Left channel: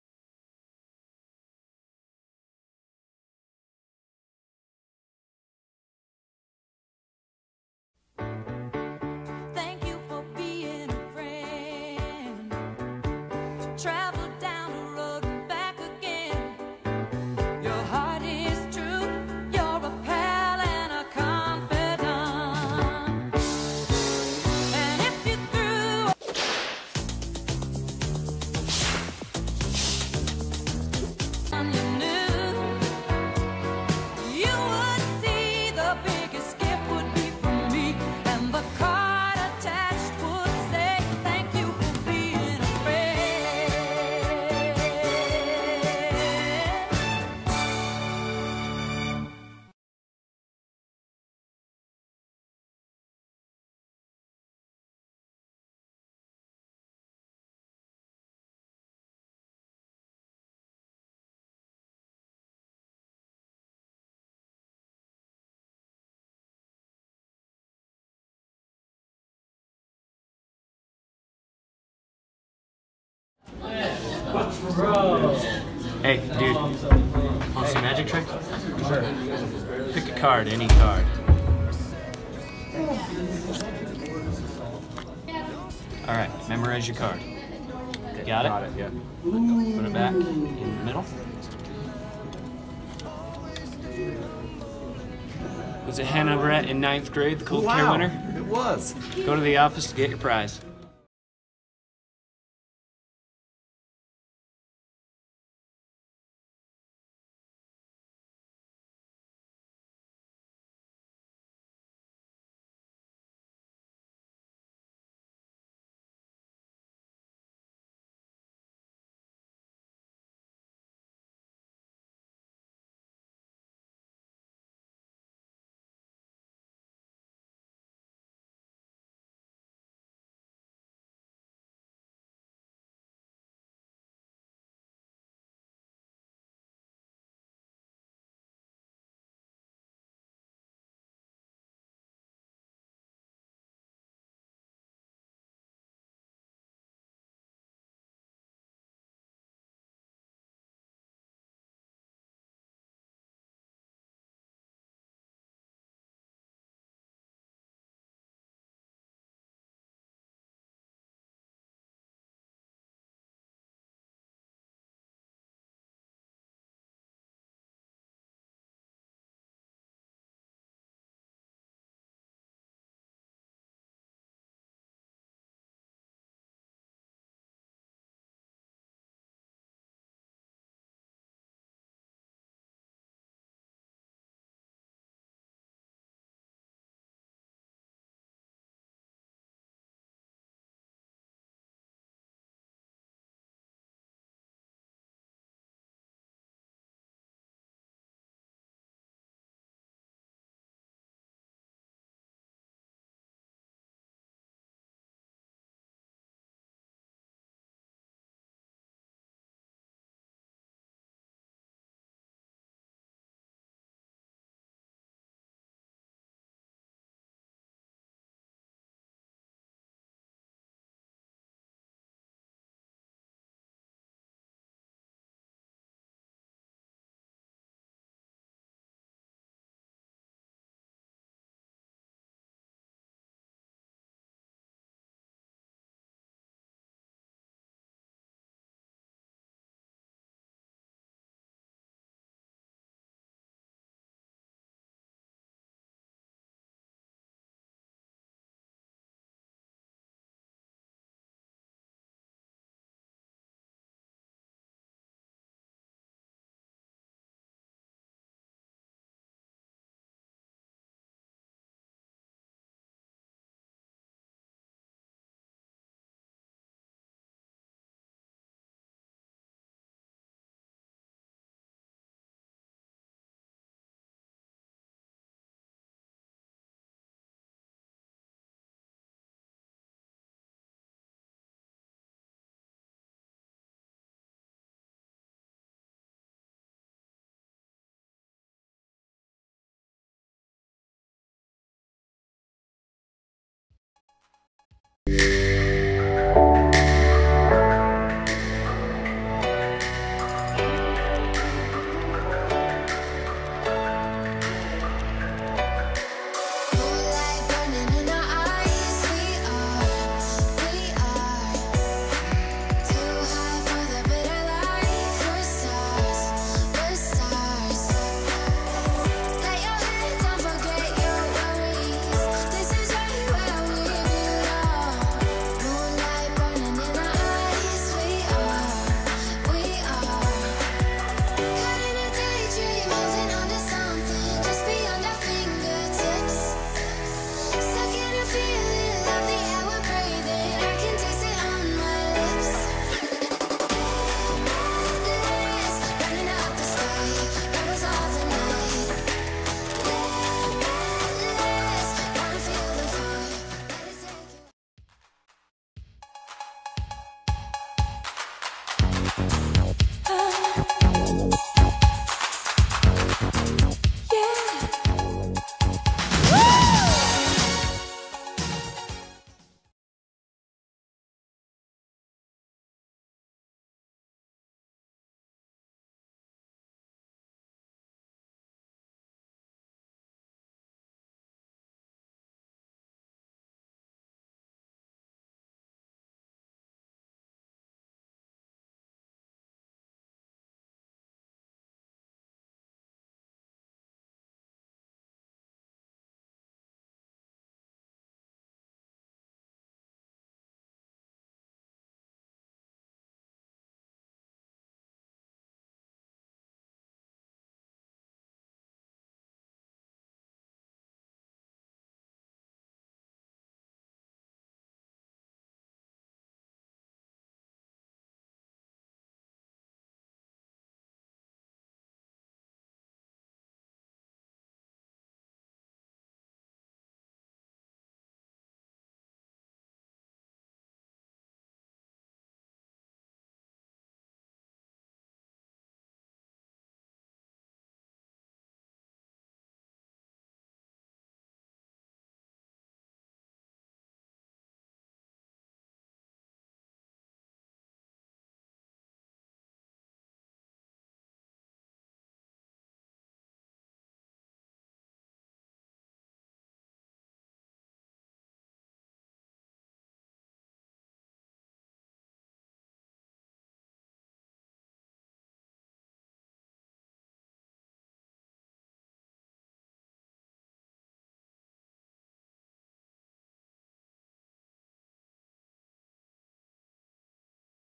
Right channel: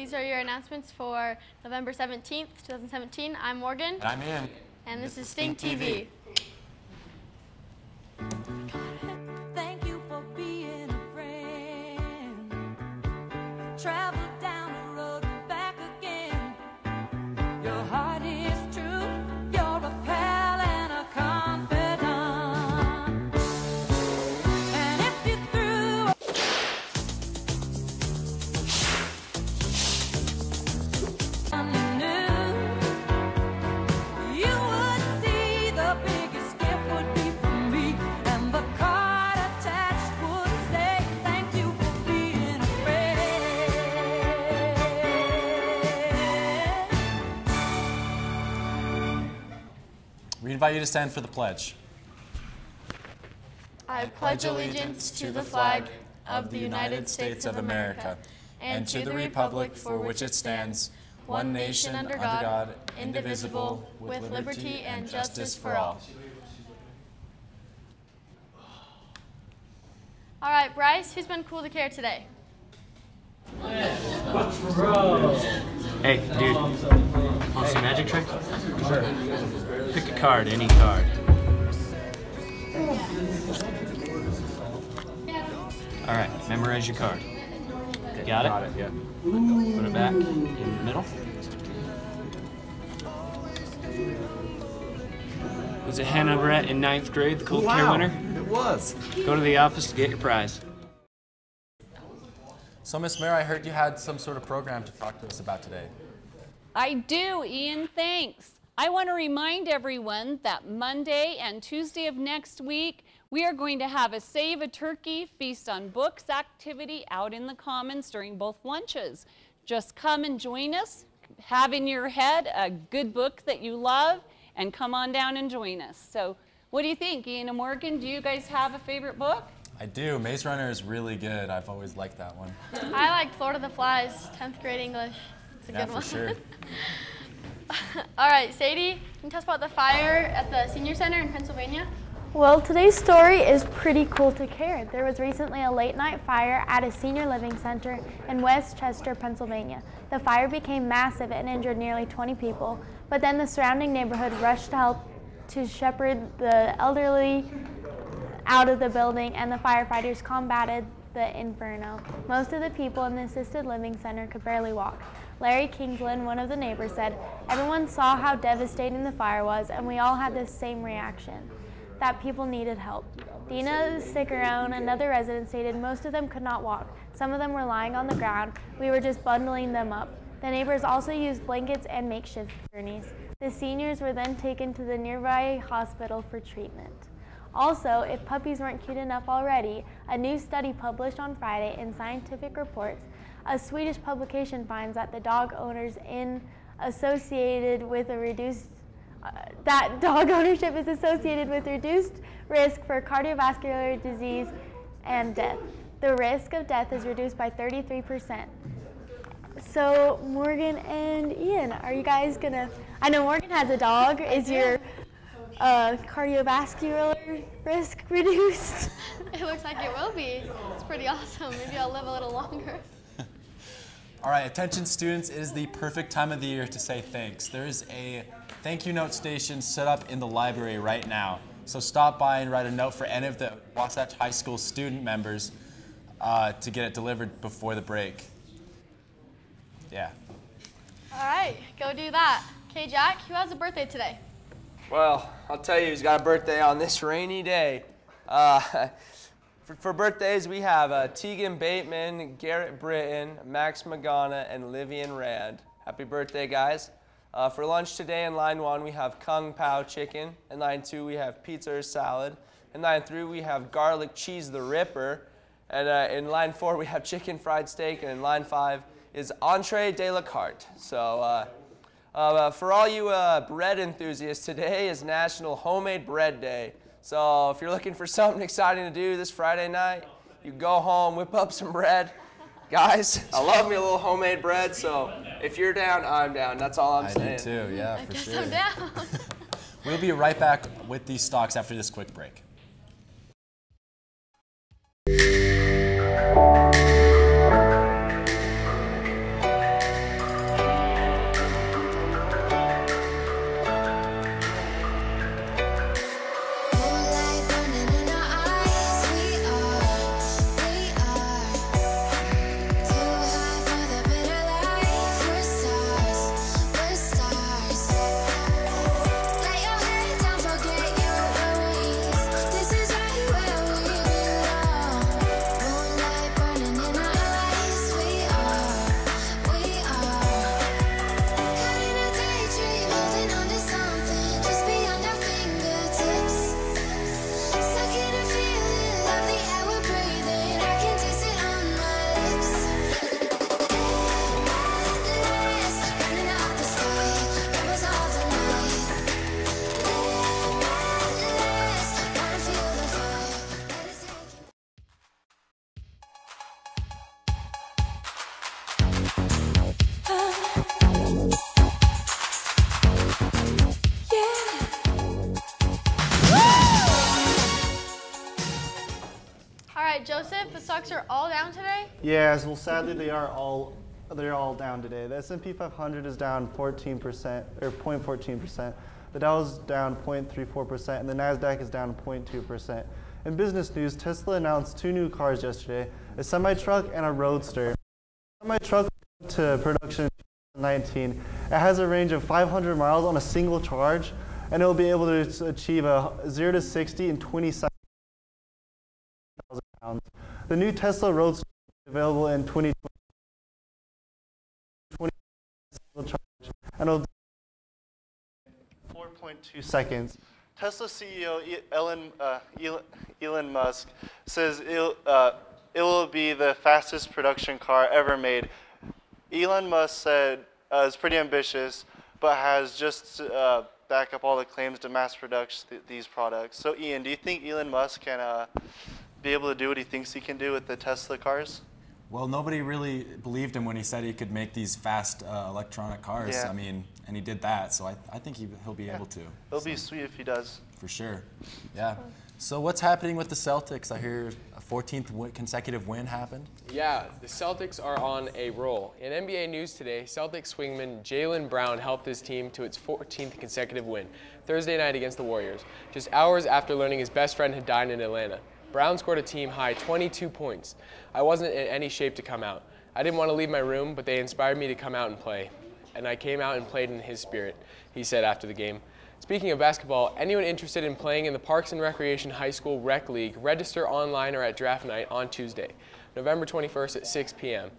These are your announcements for November 17th, 2017. I'm Morgan. And I'm Ian. And this is Stink TV. Thank you for being a friend. Travel down the road and back again. Your heart is true. You're a pal and a confidant. And if you threw on you knew, you would see the biggest gift would be from me, and the card attached would say, thank you for being a friend. We invite you to stand for the pledge. I pledge allegiance to the flag of the United States of America and to the republic for which it stands, one nation under God, indivisible, with liberty and justice for all. All right, Bryce, who's been cool to care today? Hey, dude, want some magic tricks? Sure. Pick a card, any card. All right, memorize your card. You got it? Got it, yeah. Put it back in the middle. Was it Hannah Brett in 9th grade, the cool care winner? It was. Go to the office to get your prize. So, Miss Mare, I heard you had some sort of program to talk to us about today. I do, Ian, thanks. I want to remind everyone that Monday and Tuesday of next week, we are going to have a Save a Turkey Feast on Books activity out in the Commons during both lunches. Just come and join us, have in your head a good book that you love, and come on down and join us. So what do you think, Ian and Morgan? Do you guys have a favorite book? I do. Maze Runner is really good. I've always liked that one. I liked Lord of the Flies, 10th grade English. It's a good one. Yeah, for sure. All right, Sadie, can you tell us about the fire at the Senior Center in Pennsylvania? Well, today's story is pretty cool to care. There was recently a late-night fire at a senior living center in Westchester, Pennsylvania. The fire became massive and injured nearly 20 people, but then the surrounding neighborhood rushed to help to shepherd the elderly out of the building, and the firefighters combated the inferno. Most of the people in the assisted living center could barely walk. Larry Kingsland, one of the neighbors, said, "Everyone saw how devastating the fire was, and we all had the same reaction, that people needed help." Dina Sticker-Own, another resident, stated most of them could not walk. Some of them were lying on the ground. We were just bundling them up. The neighbors also used blankets and makeshift gurneys. The seniors were then taken to the nearby hospital for treatment. Also, if puppies weren't cute enough already, a new study published on Friday in Scientific Reports, a Swedish publication finds that the dog owners associated with a reduced that dog ownership is associated with reduced risk for cardiovascular disease and death. The risk of death is reduced by 33%. So Morgan and Ian, are you guys gonna, I know Morgan has a dog, is your cardiovascular risk reduced? It looks like it will be. It's pretty awesome. Maybe I'll live a little longer. All right, attention students, it is the perfect time of the year to say thanks. There is a thank you note station set up in the library right now. So stop by and write a note for any of the Wasatch High School student members to get it delivered before the break. Yeah. All right, go do that. Okay, Jack, who has a birthday today? Well, I'll tell you who's got a birthday on this rainy day. For birthdays, we have Tegan Bateman, Garrett Britton, Max Magana, and Livian Rand. Happy birthday, guys. For lunch today in line 1, we have Kung Pao chicken. In line 2, we have pizza or salad. In line 3, we have garlic cheese the Ripper. And in line 4, we have chicken fried steak. And in line 5 is entree de la carte. So for all you bread enthusiasts, today is National Homemade Bread Day. So if you're looking for something exciting to do this Friday night, you go home, whip up some bread. Guys, I love me a little homemade bread, so if you're down, I'm down. That's all I'm saying. I do too, yeah, for sure. I guess I'm down. We'll be right back with these stocks after this quick break. Yes, well, sadly, they're all down today. The S&P 500 is down 14%, or 0.14%. The Dow is down 0.34%, and the NASDAQ is down 0.2%. In business news, Tesla announced 2 new cars yesterday, a semi-truck and a roadster. The semi-truck went to production in 2019. It has a range of 500 miles on a single charge, and it will be able to achieve a 0 to 60 in 27,000 pounds. The new Tesla Roadster is available in 2020 single charge, and it'll 4.2 seconds. Tesla CEO Elon Musk says it will be the fastest production car ever made. Elon Musk said it's pretty ambitious, but has just back up all the claims to mass produce these products. So Ian, do you think Elon Musk can be able to do what he thinks he can do with the Tesla cars? Well, nobody really believed him when he said he could make these fast electronic cars. Yeah. I mean, and he did that, so I think he'll be able to. It'll be sweet if he does. For sure. Yeah. So what's happening with the Celtics? I hear a 14th consecutive win happened. Yeah, the Celtics are on a roll. In NBA news today, Celtics swingman Jaylen Brown helped his team to its 14th consecutive win Thursday night against the Warriors, just hours after learning his best friend had died in Atlanta. Brown scored a team-high 22 points. I wasn't in any shape to come out. I didn't want to leave my room, but they inspired me to come out and play. And I came out and played in his spirit, he said after the game. Speaking of basketball, anyone interested in playing in the Parks and Recreation High School Rec League, register online or at draft night on Tuesday, November 21st at 6 p.m.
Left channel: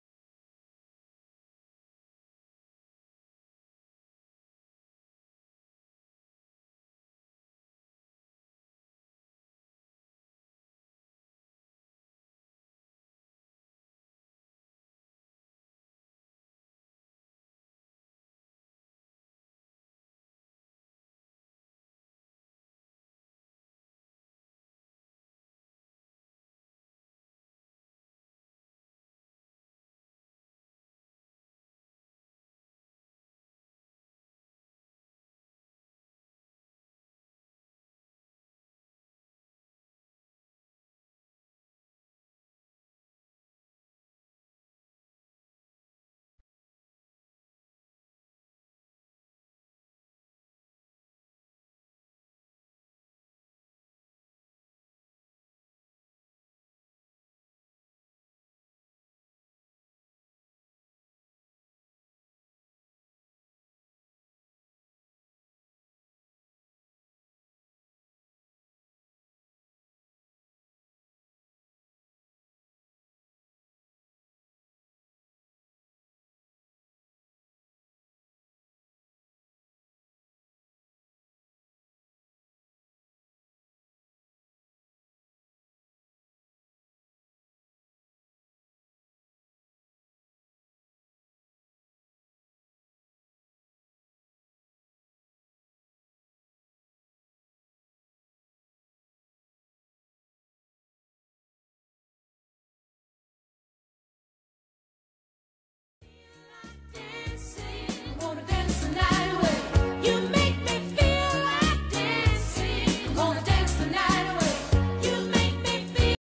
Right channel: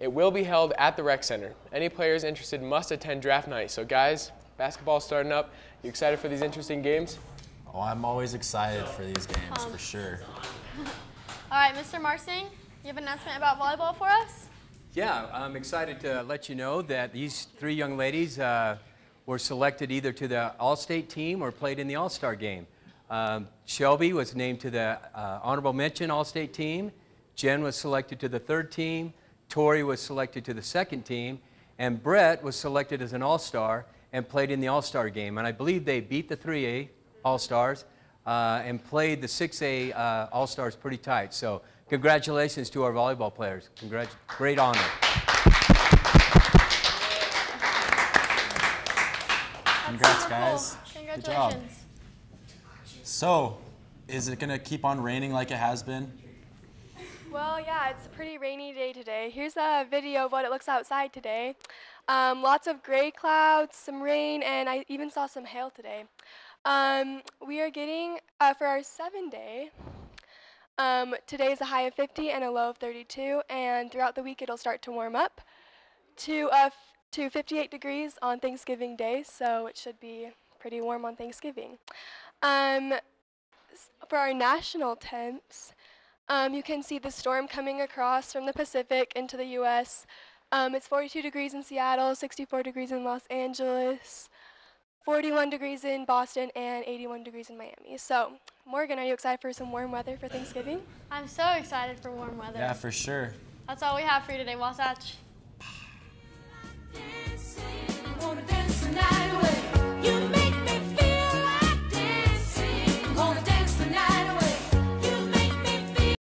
It will be held at the rec center. Any players interested must attend draft night. So guys, basketball's starting up. You excited for these interesting games? Oh, I'm always excited for these games, for sure. All right, Mr. Marsing, you have an announcement about volleyball for us? Yeah, I'm excited to let you know that these 3 young ladies were selected either to the All-State team or played in the All-Star game. Shelby was named to the Honorable Mention All-State team. Jen was selected to the 3rd team. Tori was selected to the 2nd team. And Brett was selected as an All-Star and played in the All-Star game. And I believe they beat the 3A All-Stars and played the 6A All-Stars pretty tight. So congratulations to our volleyball players. Great honor. Congrats, guys. Congratulations. Good job. So, is it going to keep on raining like it has been? Well, yeah, it's a pretty rainy day today. Here's a video of what it looks outside today. Lots of gray clouds, some rain, and I even saw some hail today. We are getting, for our 7-day, today is a high of 50 and a low of 32, and throughout the week it'll start to warm up to 58 degrees on Thanksgiving Day, so it should be pretty warm on Thanksgiving. For our national temps, you can see the storm coming across from the Pacific into the U.S. It's 42 degrees in Seattle, 64 degrees in Los Angeles, 41 degrees in Boston, and 81 degrees in Miami. So, Morgan, are you excited for some warm weather for Thanksgiving? I'm so excited for warm weather. Yeah, for sure. That's all we have for you today, Wasatch.